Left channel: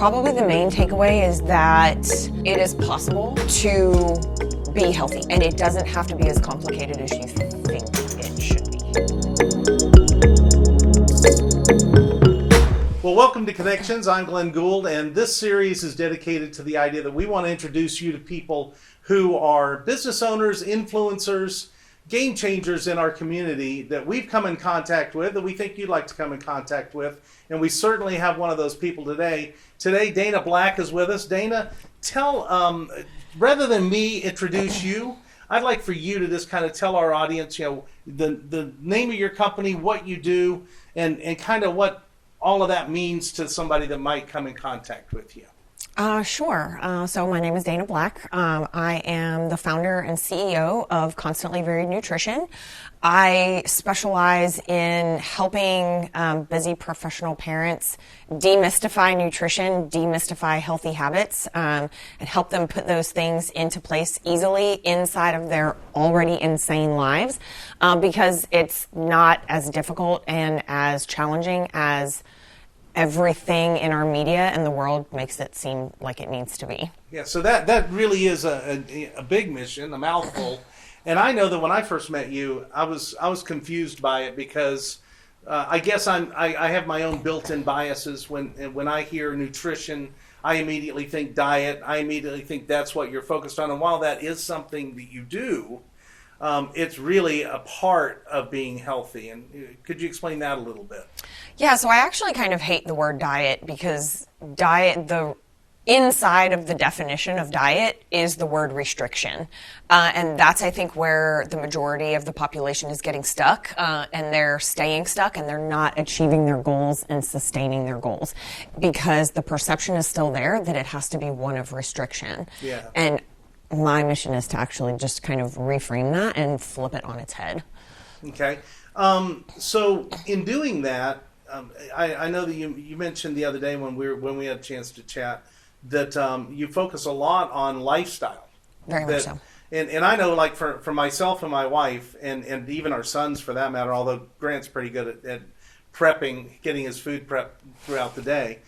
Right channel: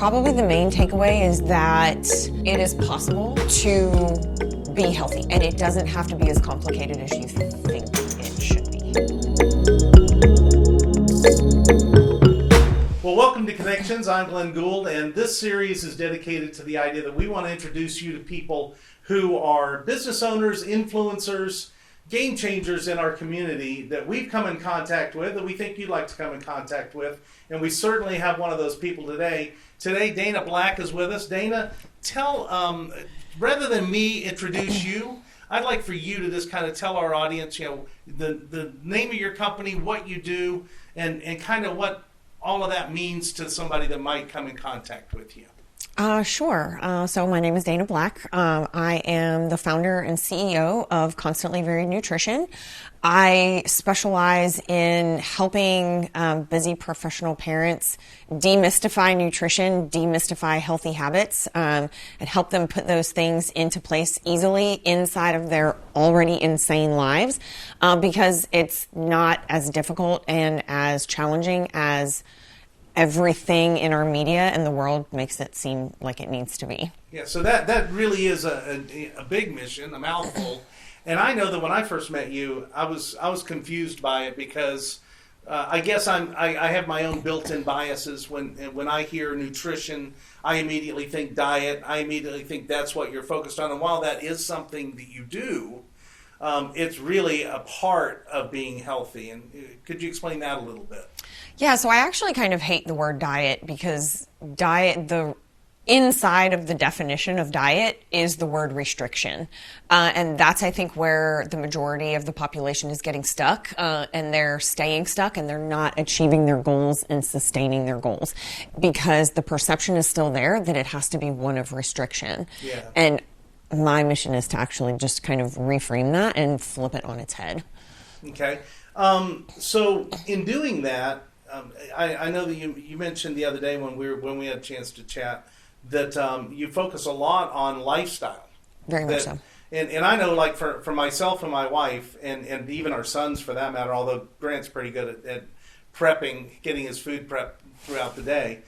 Probably the main takeaway is that it is possible to be healthy, and it doesn't have to be as complicated as you think it should be. Well, welcome to Connections. I'm Glen Gould, and this series is dedicated to the idea that we want to introduce you to people who are business owners, influencers, game changers in our community that we've come in contact with, that we think you'd like to come in contact with, and we certainly have one of those people today. Today, Dana Black is with us. Dana, tell, rather than me introduce you, I'd like for you to just kind of tell our audience, the name of your company, what you do, and kind of what all of that means to somebody that might come in contact with you. Sure. So my name is Dana Black. I am the founder and CEO of Constantly Varied Nutrition. I specialize in helping busy professional parents demystify nutrition, demystify healthy habits, and help them put those things into place easily inside of their already insane lives, because it's not as difficult and as challenging as everything in our media and the world makes it seem like it needs to be. Yeah, so that really is a big mission, a mouthful. And I know that when I first met you, I was confused by it because I guess I have my own built-in biases. When I hear nutrition, I immediately think diet. I immediately think that's what you're focused on. And while that is something that you do, it's really a part of being healthy. And could you explain that a little bit? Yeah, so I actually kind of hate the word diet because the inside of the definition of diet is the word restriction. And that's, I think, where the majority of the population is getting stuck, and they're staying stuck, and they're not achieving their goals and sustaining their goals because the perception is still there that it has to be one of restriction. Yeah. And my mission is to actually just kind of reframe that and flip it on its head. Okay. So in doing that, I know that you mentioned the other day when we had a chance to chat that you focus a lot on lifestyle. Very much so. And I know, like for myself and my wife, and even our sons for that matter, although Grant's pretty good at prepping, getting his food prepped throughout the day,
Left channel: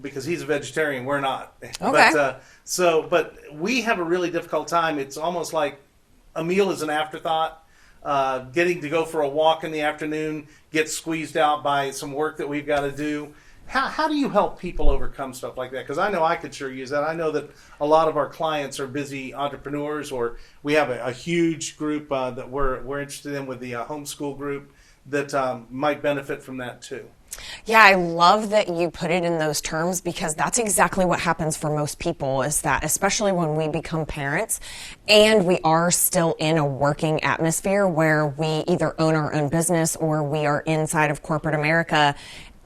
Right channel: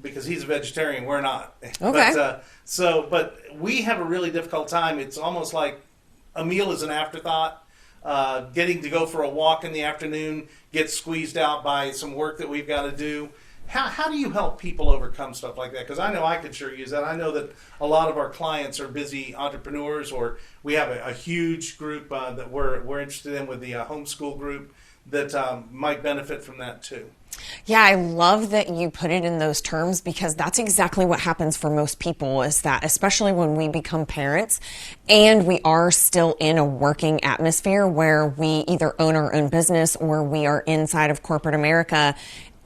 because he's a vegetarian, we're not. Okay. But we have a really difficult time. It's almost like a meal is an afterthought. Getting to go for a walk in the afternoon gets squeezed out by some work that we've got to do. How do you help people overcome stuff like that? Because I know I could sure use that. I know that a lot of our clients are busy entrepreneurs, or we have a huge group that we're interested in with the homeschool group that might benefit from that too. Yeah, I love that you put it in those terms because that's exactly what happens for most people, is that especially when we become parents and we are still in a working atmosphere where we either own our own business or we are inside of corporate America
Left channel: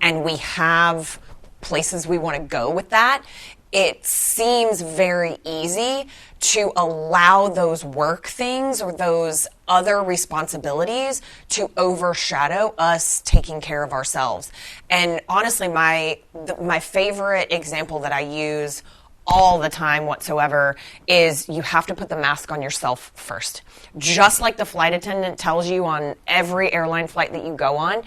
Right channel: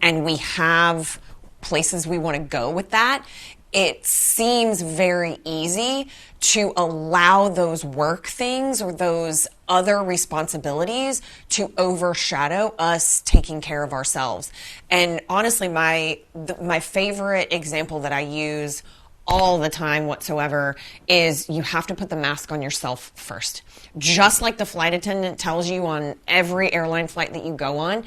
and we have places we want to go with that. It seems very easy to allow those work things or those other responsibilities to overshadow us taking care of ourselves. And honestly, my favorite example that I use all the time whatsoever is you have to put the mask on yourself first. Just like the flight attendant tells you on every airline flight that you go on,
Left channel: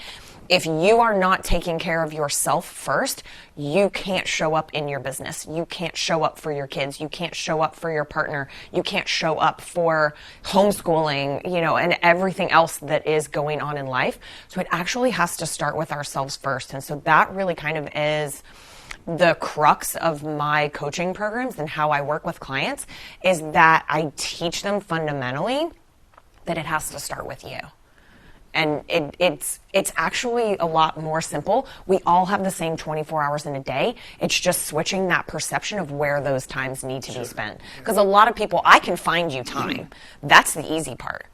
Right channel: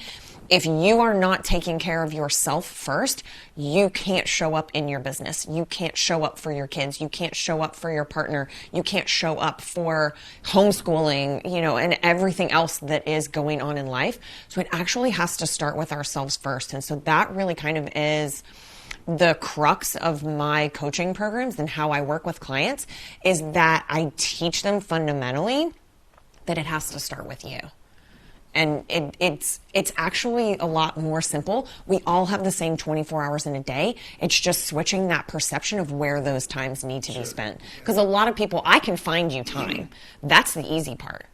if you are not taking care of yourself first, you can't show up in your business. You can't show up for your kids. You can't show up for your partner. You can't show up for homeschooling, and everything else that is going on in life. So it actually has to start with ourselves first. And so that really kind of is the crux of my coaching programs and how I work with clients, is that I teach them fundamentally that it has to start with you. And it's actually a lot more simple. We all have the same 24 hours in a day. It's just switching that perception of where those times need to be spent. Because a lot of people, I can find you time. That's the easy part.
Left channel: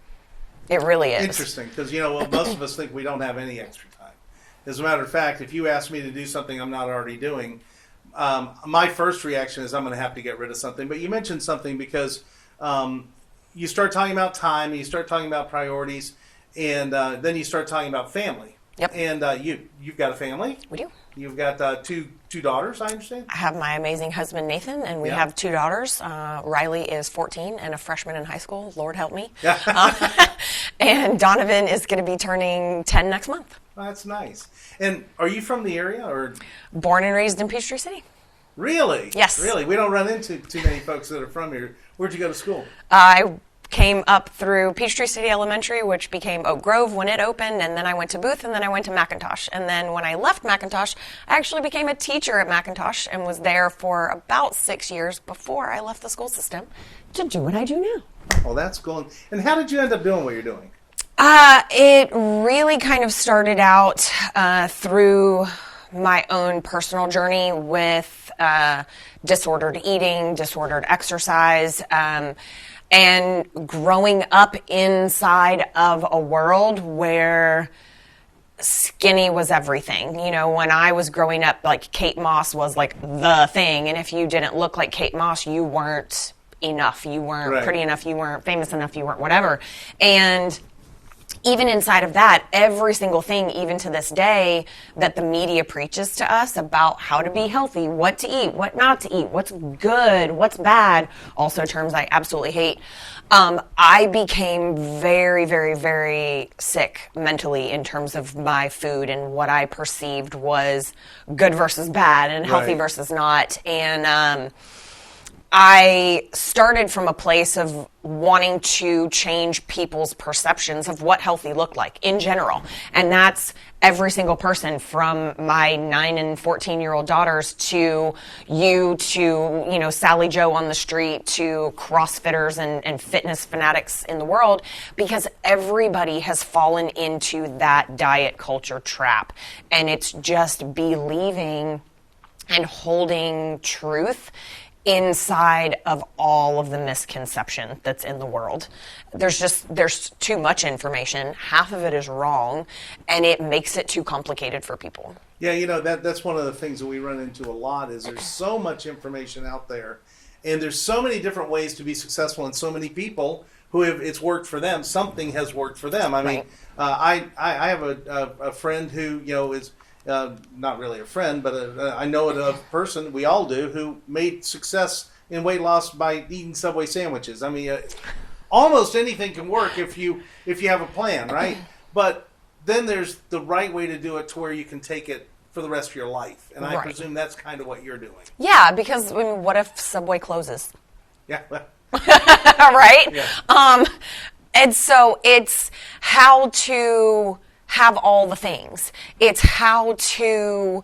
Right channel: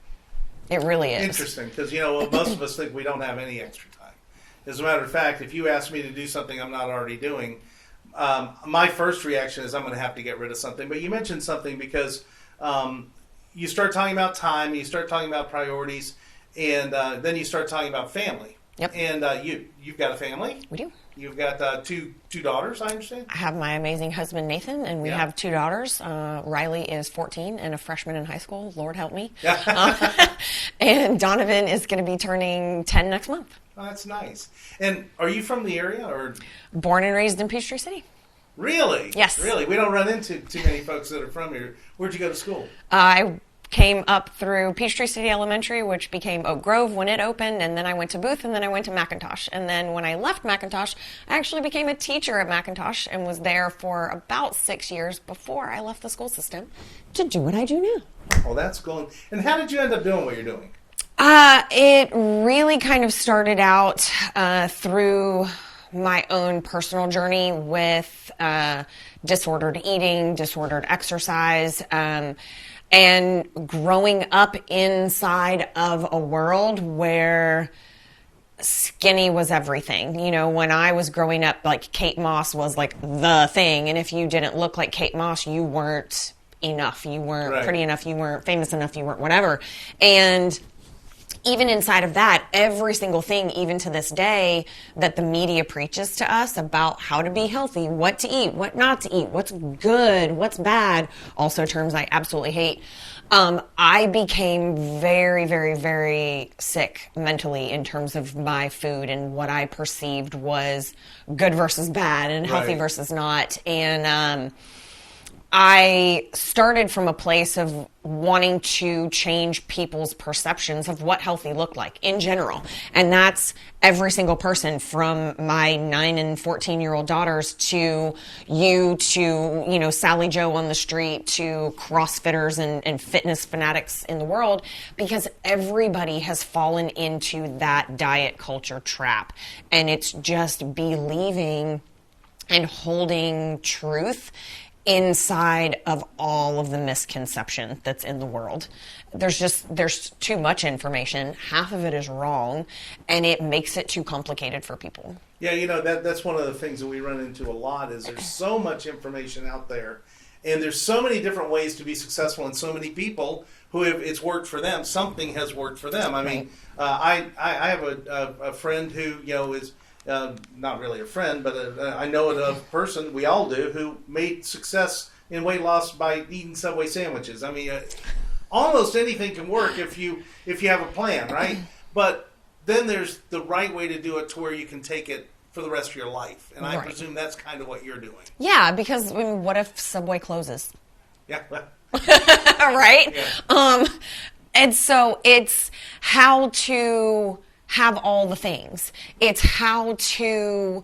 It really is. Interesting, because most of us think we don't have any extra time. As a matter of fact, if you ask me to do something I'm not already doing, my first reaction is I'm going to have to get rid of something. But you mentioned something because you start talking about time, and you start talking about priorities, and then you start talking about family. Yep. And you've got a family. We do. You've got two daughters, I understand? I have my amazing husband, Nathan, and we have two daughters. Riley is 14 and a freshman in high school. Lord help me. And Donovan is going to be turning 10 next month. Oh, that's nice. And are you from the area, or? Born and raised in Peachtree City. Really? Yes. Really? We don't run into too many folks that are from here. Where'd you go to school? I came up through Peachtree City Elementary, which became Oak Grove when it opened, and then I went to Booth, and then I went to McIntosh. And then when I left McIntosh, I actually became a teacher at McIntosh and was there for about 6 years before I left the school system to do what I do now. Oh, that's cool. And how did you end up doing what you're doing? It really kind of started out through my own personal journey with disordered eating, disordered exercise, and growing up inside of a world where skinny was everything. You know, when I was growing up, like Kate Moss was like the thing, and if you didn't look like Kate Moss, you weren't enough. You weren't Right. pretty enough. You weren't famous enough. You weren't whatever. And even inside of that, every single thing, even to this day, that the media preaches to us about how to be healthy, what to eat, what not to eat, what's good, what's bad, also terms I absolutely hate. I became very, very, very sick mentally in terms of my food and what I perceived was good versus bad and healthy Right. versus not. And I started from a place of wanting to change people's perceptions of what healthy looked like in general. And that's every single person from my 9 and 14-year-old daughters to you to, you know, Sally Joe on the street to CrossFitters and fitness fanatics in the world, because everybody has fallen into that diet culture trap. And it's just believing and holding truth inside of all of the misconception that's in the world. There's too much information. Half of it is wrong, and it makes it too complicated for people. Yeah, you know, that's one of the things that we run into a lot is there's so much information out there, and there's so many different ways to be successful, and so many people who have it's worked for them. Something has worked for them. I mean, I have a friend who, you know, is not really a friend, but I know a person, we all do, who made success in weight loss by eating Subway sandwiches. I mean, almost anything can work if you have a plan, right? But then there's the right way to do it to where you can take it for the rest of your life. And I Right. presume that's kind of what you're doing. Yeah, because I mean, what if Subway closes? Yeah. Well, Right? yeah. And so it's how to have all the things. It's how to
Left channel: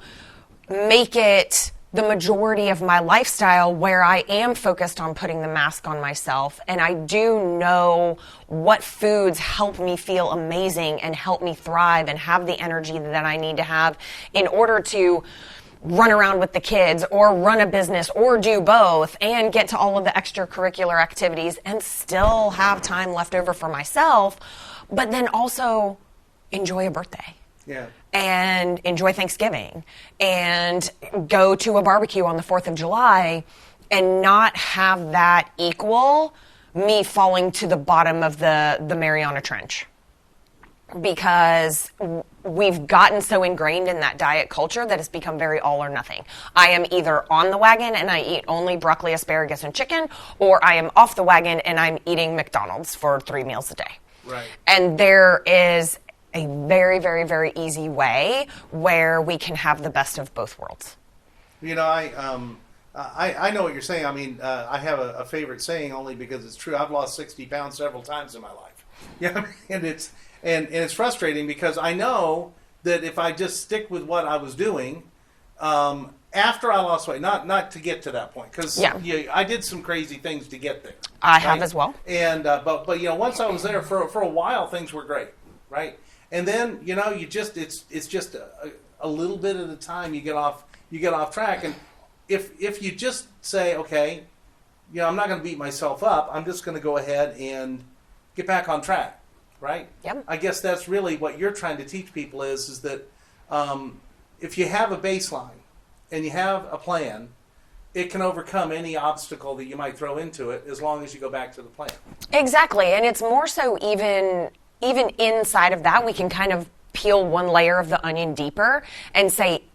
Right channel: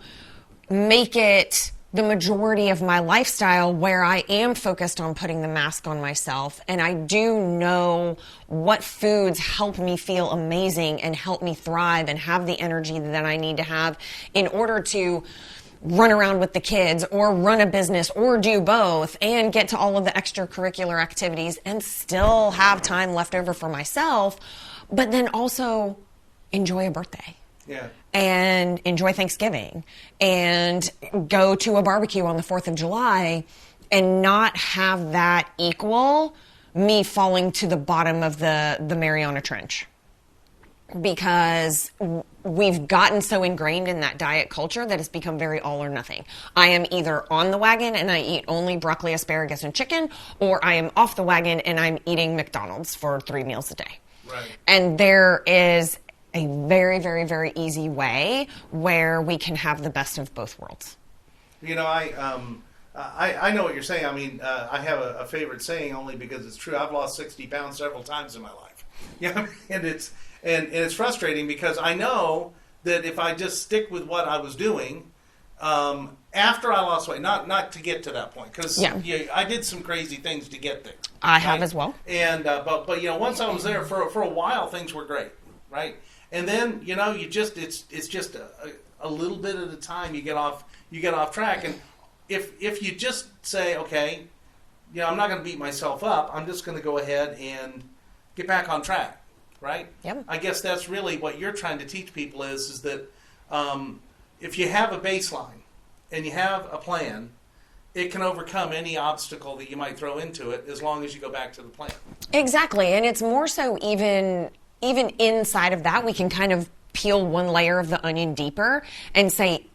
make it the majority of my lifestyle where I am focused on putting the mask on myself, and I do know what foods help me feel amazing and help me thrive and have the energy that I need to have in order to run around with the kids or run a business or do both and get to all of the extracurricular activities and still have time left over for myself, but then also enjoy a birthday. Yeah. And enjoy Thanksgiving and go to a barbecue on the 4th of July and not have that equal me falling to the bottom of the Mariana Trench. Because we've gotten so ingrained in that diet culture that it's become very all or nothing. I am either on the wagon and I eat only broccoli, asparagus, and chicken, or I am off the wagon and I'm eating McDonald's for 3 meals a day. Right. And there is a very, very, very easy way where we can have the best of both worlds. You know, I know what you're saying. I mean, I have a favorite saying only because it's true. I've lost 60 pounds several times in my life. Yeah, and it's frustrating because I know that if I just stick with what I was doing, after I lost weight, not to get to that point, because I did some crazy things to get there. I have as well. And but you know, once I was there for a while, things were great, right? And then you know, it's just a little bit at a time. You get off track, and if you just say, okay, you know, I'm not going to beat myself up. I'm just going to go ahead and get back on track, right? Yep. I guess that's really what you're trying to teach people is that if you have a baseline and you have a plan, it can overcome any obstacle that you might throw into it as long as you go back to the plan. Exactly. And it's more so even inside of that, we can kind of peel one layer of the onion deeper and say,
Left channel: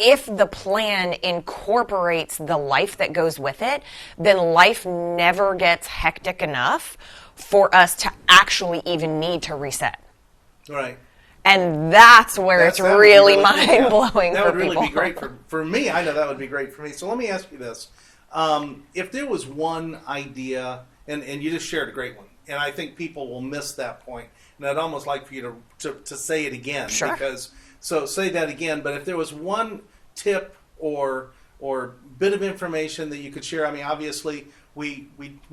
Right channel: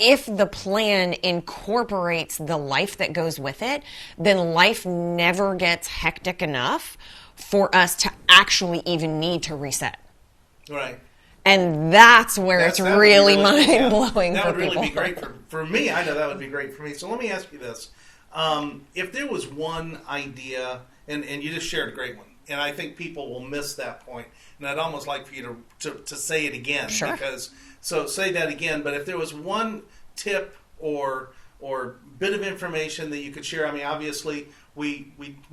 if the plan incorporates the life that goes with it, then life never gets hectic enough for us to actually even need to reset. Right. And that's where it's That would be really cool, mind blowing. That for would really people. be great for me. I know that would be great for me. So let me ask you this: if there was one idea, and you just shared a great one, and I think people will miss that point, and I'd almost like for you to say it again, Sure. because so say that again. But if there was one tip or bit of information that you could share, I mean, obviously we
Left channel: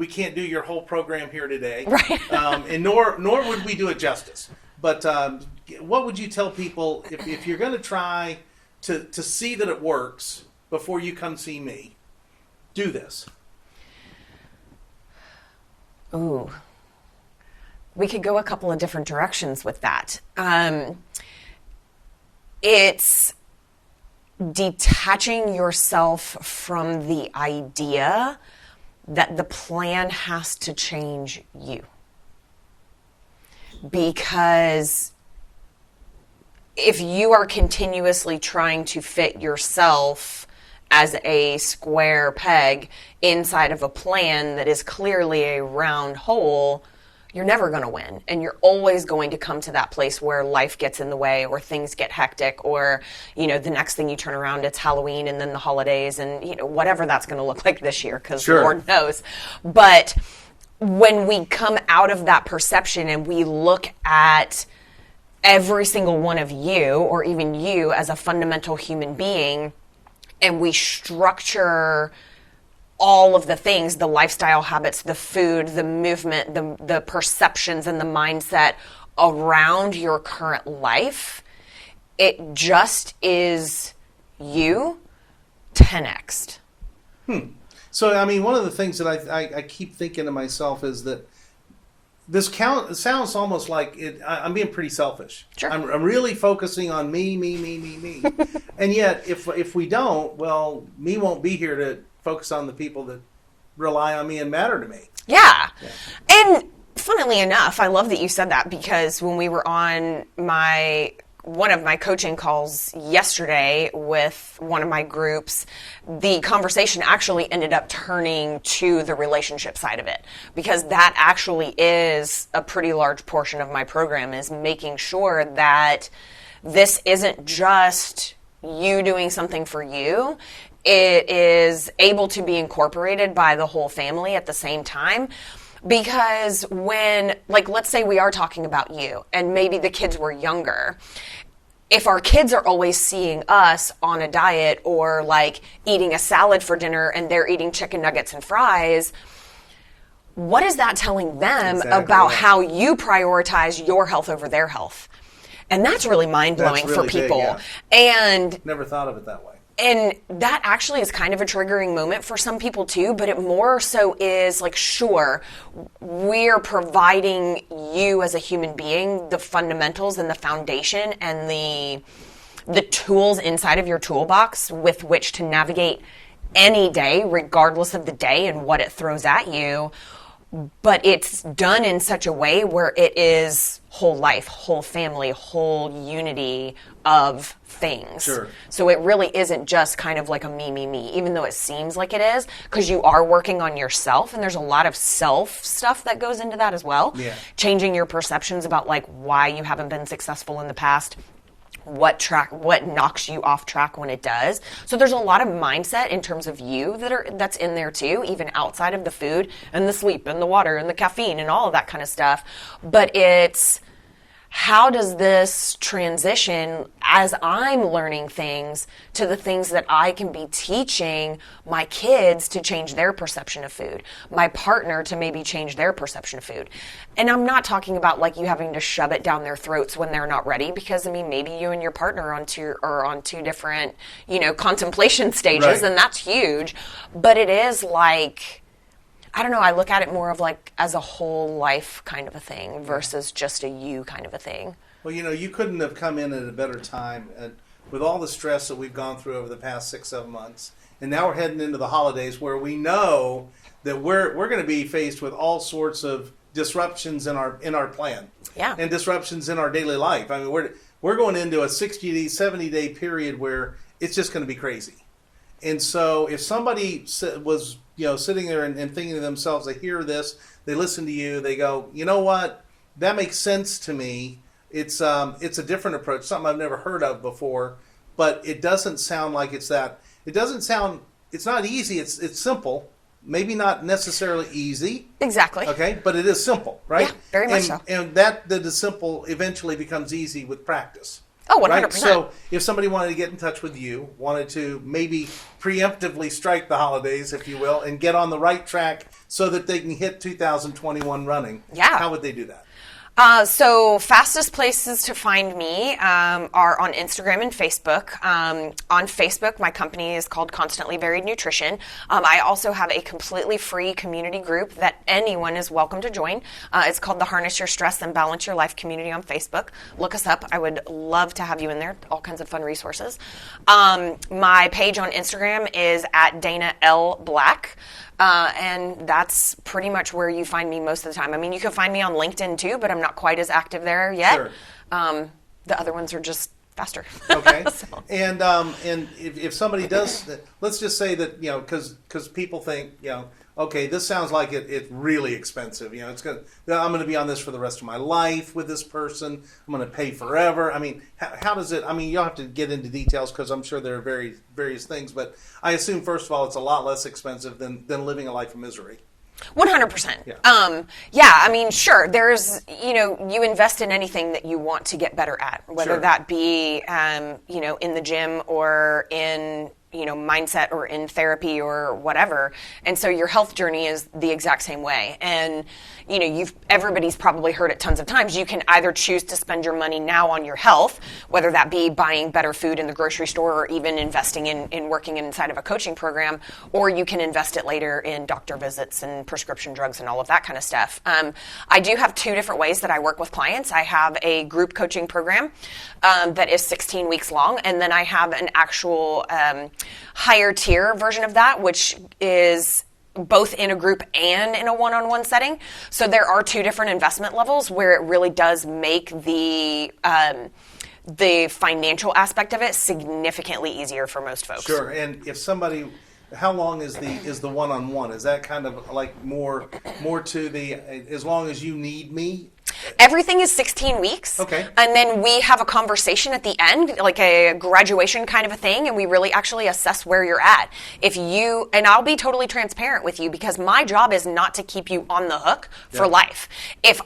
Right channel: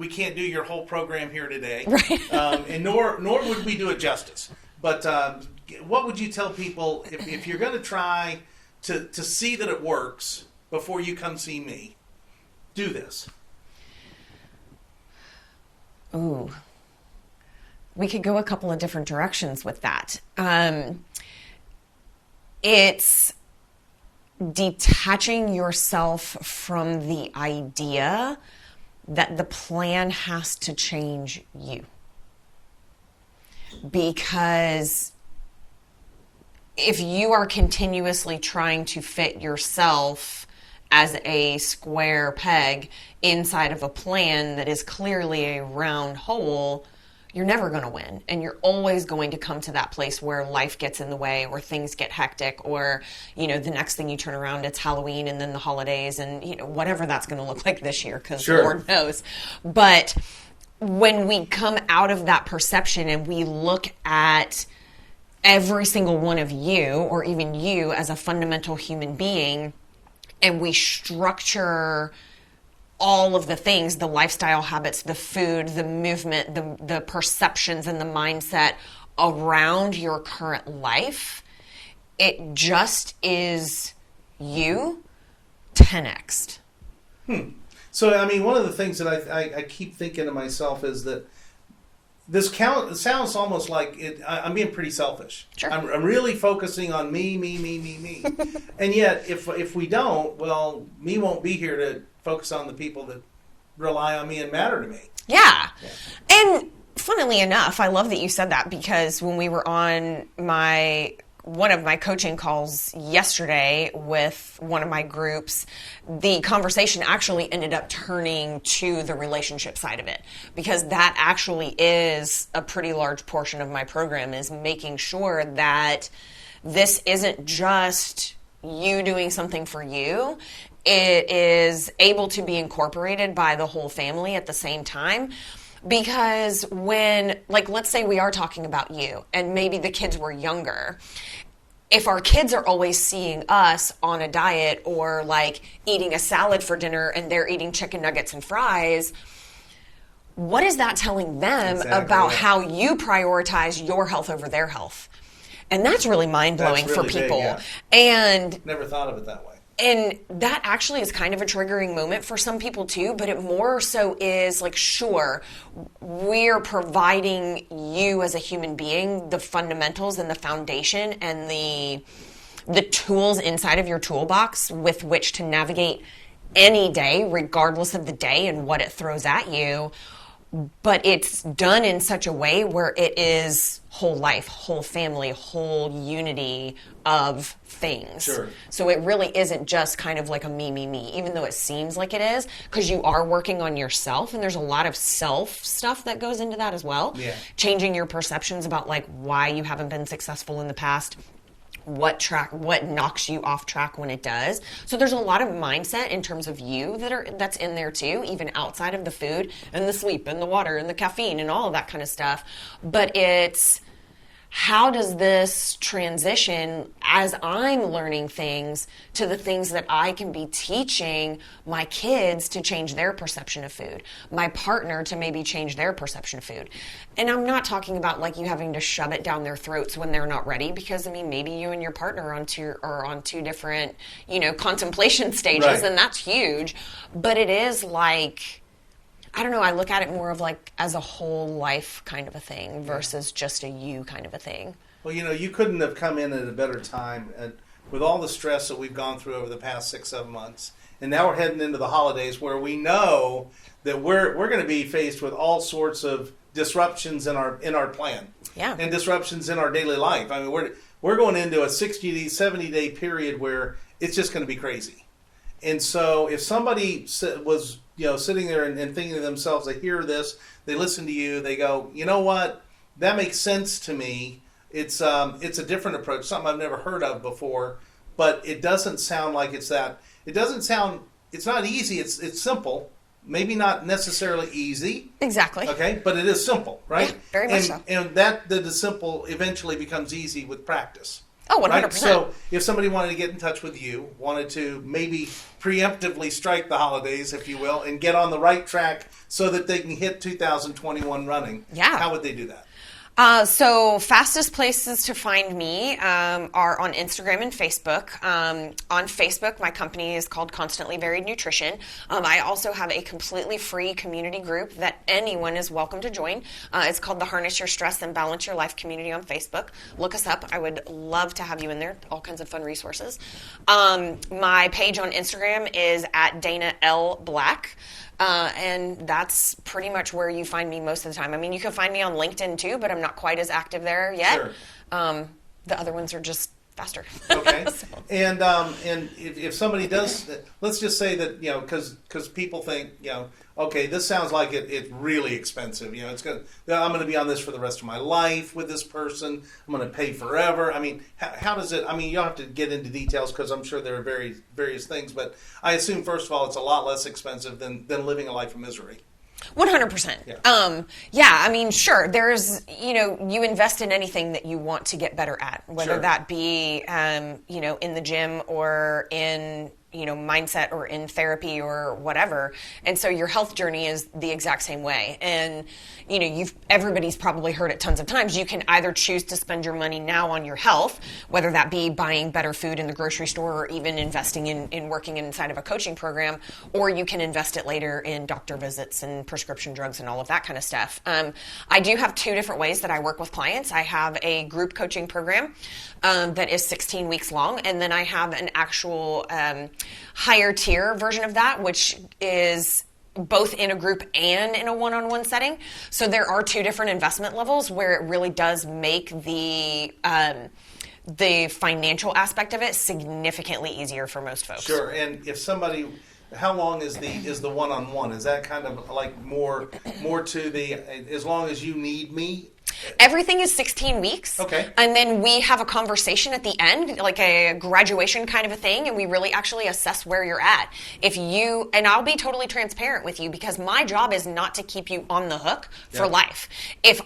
can't do your whole program here today, Right. And nor would we do it justice. But what would you tell people if you're going to try to see that it works before you come see me? Do this. Ooh. We could go a couple of different directions with that. It's detaching yourself from the idea that the plan has to change you. Because if you are continuously trying to fit yourself as a square peg inside of a plan that is clearly a round hole, you're never going to win. And you're always going to come to that place where life gets in the way, or things get hectic, or, the next thing you turn around, it's Halloween and then the holidays and, whatever that's going to look like this year, because Sure. Lord knows. But when we come out of that perception and we look at every single one of you, or even you as a fundamental human being, and we structure all of the things, the lifestyle habits, the food, the movement, the perceptions and the mindset around your current life, it just is you 10x'd. So, I mean, one of the things that I keep thinking to myself is that it sounds almost like I'm being pretty selfish. Sure. I'm really focusing on me. And yet, if we don't, well, me won't be here to focus on the people that rely on me and matter to me. Yeah. And funnily enough, I love that you said that, because when we were on one of my coaching calls yesterday with one of my groups, the conversation actually ended up turning to the relationship side of it, because that actually is a pretty large portion of my program, is making sure that this isn't just you doing something for you. It is able to be incorporated by the whole family at the same time. Because when, let's say we are talking about you, and maybe the kids were younger, if our kids are always seeing us on a diet, or eating a salad for dinner and they're eating chicken nuggets and fries, what is that telling them about how you prioritize your health over their health? And that's really mind-blowing That's really for people. big, yeah. And Never thought of it that way. And that actually is kind of a triggering moment for some people too, but it more so is sure, we're providing you as a human being the fundamentals and the foundation and the tools inside of your toolbox with which to navigate any day, regardless of the day and what it throws at you. But it's done in such a way where it is whole life, whole family, whole unity of things. Sure. So it really isn't just kind of like a me, even though it seems like it is, because you are working on yourself, and there's a lot of self stuff that goes into that as well. Yeah. Changing your perceptions about why you haven't been successful in the past, what knocks you off track when it does. So there's a lot of mindset in terms of you that's in there too, even outside of the food and the sleep and the water and the caffeine and all of that kind of stuff. But it's, how does this transition as I'm learning things to the things that I can be teaching my kids to change their perception of food, my partner to maybe change their perception of food? And I'm not talking about you having to shove it down their throats when they're not ready, because maybe you and your partner are on two different, contemplation stages, Right. and that's huge. But it is I don't know, I look at it more of as a whole life kind of a thing versus just a you kind of a thing. Well, you couldn't have come in at a better time, with all the stress that we've gone through over the past 6-7 months. And now we're heading into the holidays, where we know that we're going to be faced with all sorts of disruptions in our plan. Yeah. And disruptions in our daily life. I mean, we're going into a 60-day, 70-day period where it's just going to be crazy. And so if somebody was sitting there and thinking to themselves, they hear this, they listen to you, they go, you know what, that makes sense to me. it's a different approach, something I've never heard of before, but it doesn't sound like it's that. It doesn't sound. It's not easy. It's simple. Maybe not necessarily easy. Exactly. Okay, but it is simple, right? Yeah, very much so. And that is simple eventually becomes easy with practice. Oh, 100%. Right? So if somebody wanted to get in touch with you, wanted to maybe preemptively strike the holidays, if you will, and get on the right track so that they can hit 2021 running, how would they do that? So fastest places to find me are on Instagram and Facebook. On Facebook, my company is called Constantly Varied Nutrition. I also have a completely free community group that anyone is welcome to join. It's called the Harness Your Stress and Balance Your Life community on Facebook. Look us up. I would love to have you in there. All kinds of fun resources. My page on Instagram is at Dana L. Black. And that's pretty much where you find me most of the time. I mean, you can find me on LinkedIn too, but I'm not quite as active there yet. Sure. The other ones are just faster. Okay. So. And if somebody does, let's just say that, because people think, okay, this sounds like it's really expensive. I'm going to be on this for the rest of my life with this person. I'm going to pay forever. I mean, how does it? I mean, you'll have to get into details because I'm sure there are various things. But I assume first of all, it's a lot less expensive than living a life of misery. 100%. Yeah. I mean, sure. There's, you invest in anything that you want to get better at, whether Sure. that be, in the gym or in, mindset or in therapy or whatever. And so your health journey is the exact same way. And, everybody's probably heard it tons of times. You can either choose to spend your money now on your health, whether that be buying better food in the grocery store or even investing in working inside of a coaching program, or you can invest it later in doctor visits and prescription drugs and all of that kind of stuff. I do have two different ways that I work with clients. I have a group coaching program that is 16 weeks long, and then I have an actual higher tier version of that, which is both in a group and in a one-on-one setting. So there are two different investment levels where it really does make the financial aspect of it significantly easier for most folks. Sure. And if somebody, how long is the one-on-one? Is that kind of like more to the as long as you need me? Everything is 16 weeks. Okay. And then we have a conversation at the end, like a graduation kind of a thing, and we really actually assess where you're at. And I'll be totally transparent with you because my job is not to keep you on the hook for life. If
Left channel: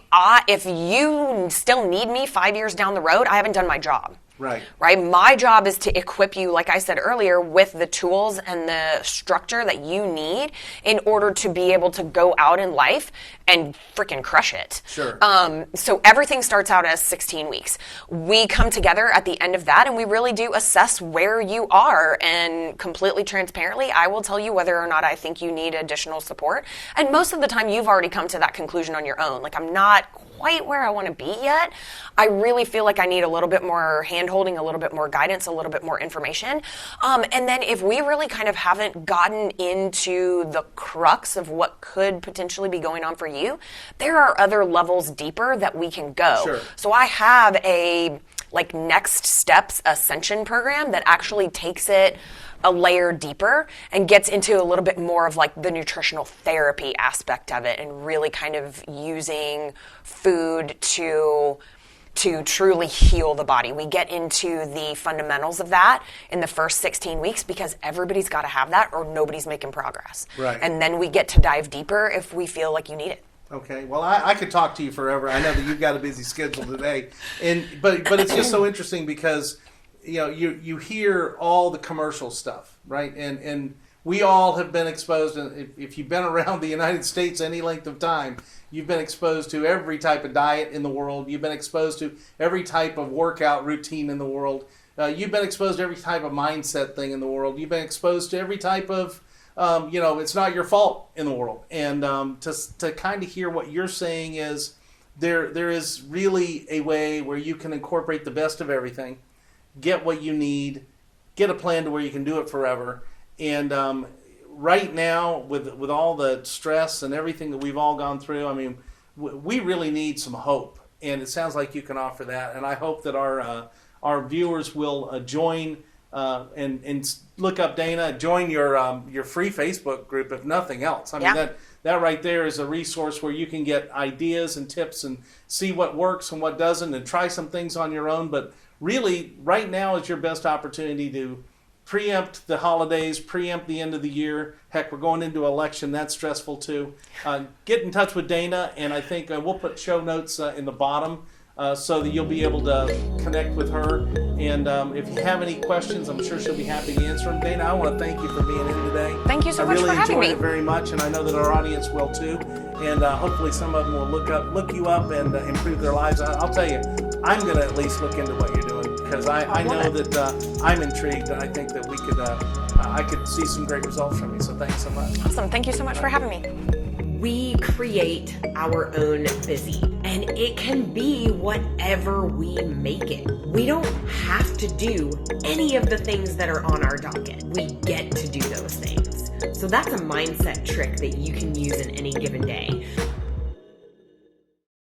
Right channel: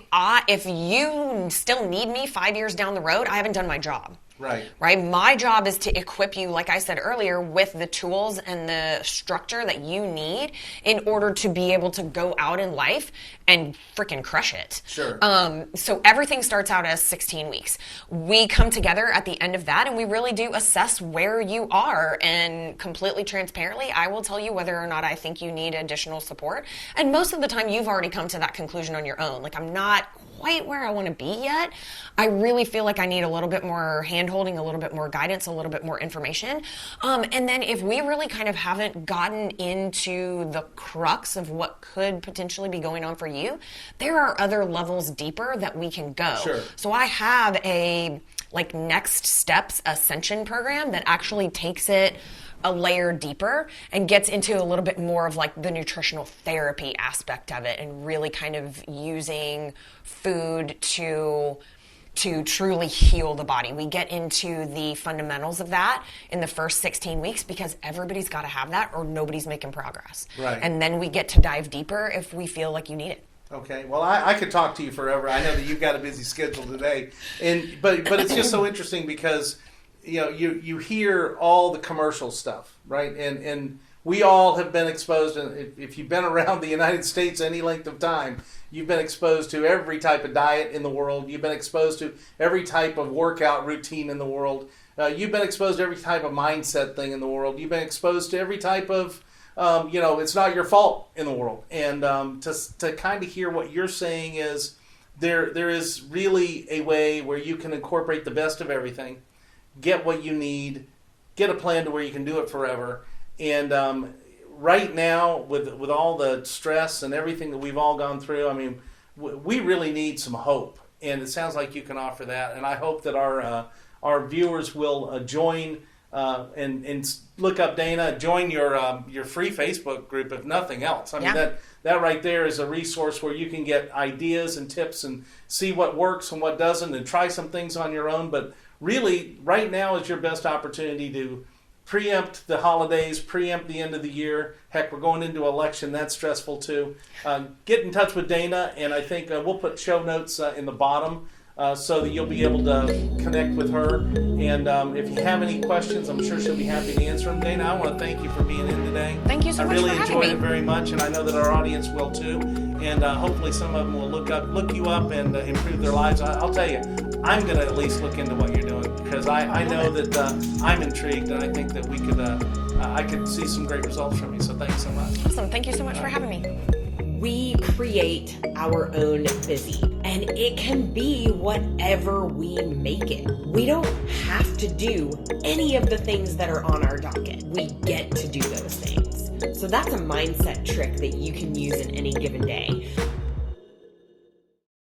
you still need me 5 years down the road, I haven't done my job. Right. My job is to equip you, like I said earlier, with the tools and the structure that you need in order to be able to go out in life and freaking crush it. Sure. So everything starts out as 16 weeks. We come together at the end of that and we really do assess where you are, and completely transparently, I will tell you whether or not I think you need additional support. And most of the time you've already come to that conclusion on your own. Like, I'm not quite where I want to be yet. I really feel like I need a little bit more hand-holding, a little bit more guidance, a little bit more information. And then if we really kind of haven't gotten into the crux of what could potentially be going on for you, there are other levels deeper that we can go. Sure. So I have a next steps ascension program that actually takes it a layer deeper and gets into a little bit more of the nutritional therapy aspect of it, and really kind of using food to truly heal the body. We get into the fundamentals of that in the first 16 weeks because everybody's got to have that or nobody's making progress. Right. And then we get to dive deeper if we feel like you need it. Okay. Well, I could talk to you forever. I know that you've got a busy schedule today, but it's just so interesting because you hear all the commercial stuff, right? And we all have been exposed, and if you've been around the United States any length of time, you've been exposed to every type of diet in the world. You've been exposed to every type of workout routine in the world. You've been exposed to every type of mindset thing in the world. You've been exposed to every type of, it's not your fault in the world. And to kind of hear what you're saying is there is really a way where you can incorporate the best of everything, get what you need, get a plan to where you can do it forever. And right now, with all the stress and everything that we've all gone through, I mean, we really need some hope. And it sounds like you can offer that. And I hope that our viewers will join and look up Dana. Join your free Facebook group, if nothing else. I mean, that right there is a resource where you can get ideas and tips and see what works and what doesn't, and try some things on your own. But really, right now is your best opportunity to preempt the holidays, preempt the end of the year. Heck, we're going into election. That's stressful too. Get in touch with Dana, and I think we'll put show notes in the bottom so that you'll be able to connect with her. And if you have any questions, I'm sure she'll be happy to answer them. Dana, I want to thank you for being in today. Thank you so much for having me. I really enjoyed it very much, and I know that our audience will too. And hopefully some of them will look you up and improve their lives. I'll tell you, I'm going to at least look into what you're doing, because I know that I'm intrigued, and I think that I could see some great results from you. So thanks so much. Awesome. Thank you so much for having me. We create our own busy, and it can be whatever we make it. We don't have to do any of the things that are on our docket. We get to do those things. So that's a mindset trick that you can use in any given day.